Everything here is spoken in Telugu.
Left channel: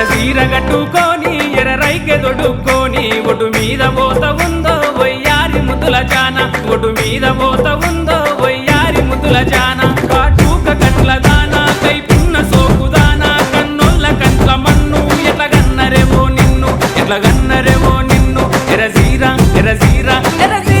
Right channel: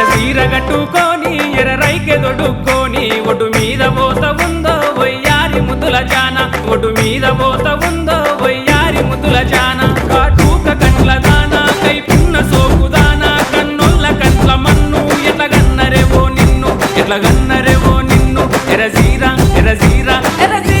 ఎరసీర గట్టుకొని ఎర్రైకె దొడుక్కొని ఒటు మీద పోత ఉందో వయ్యారి ముద్దుల జాన ఒటు మీద పోత ఉందో వయ్యారి ముద్దుల జాన కాటూక కండ్ల దానా కైపున్న సోకుదానా కన్నొల్ల కంట్ల మన్ను ఎట్ల గన్నరేవో నిన్ను ఎట్ల గన్నరేవో నిన్ను ఎరసీర ఎరసీర ఎరసీర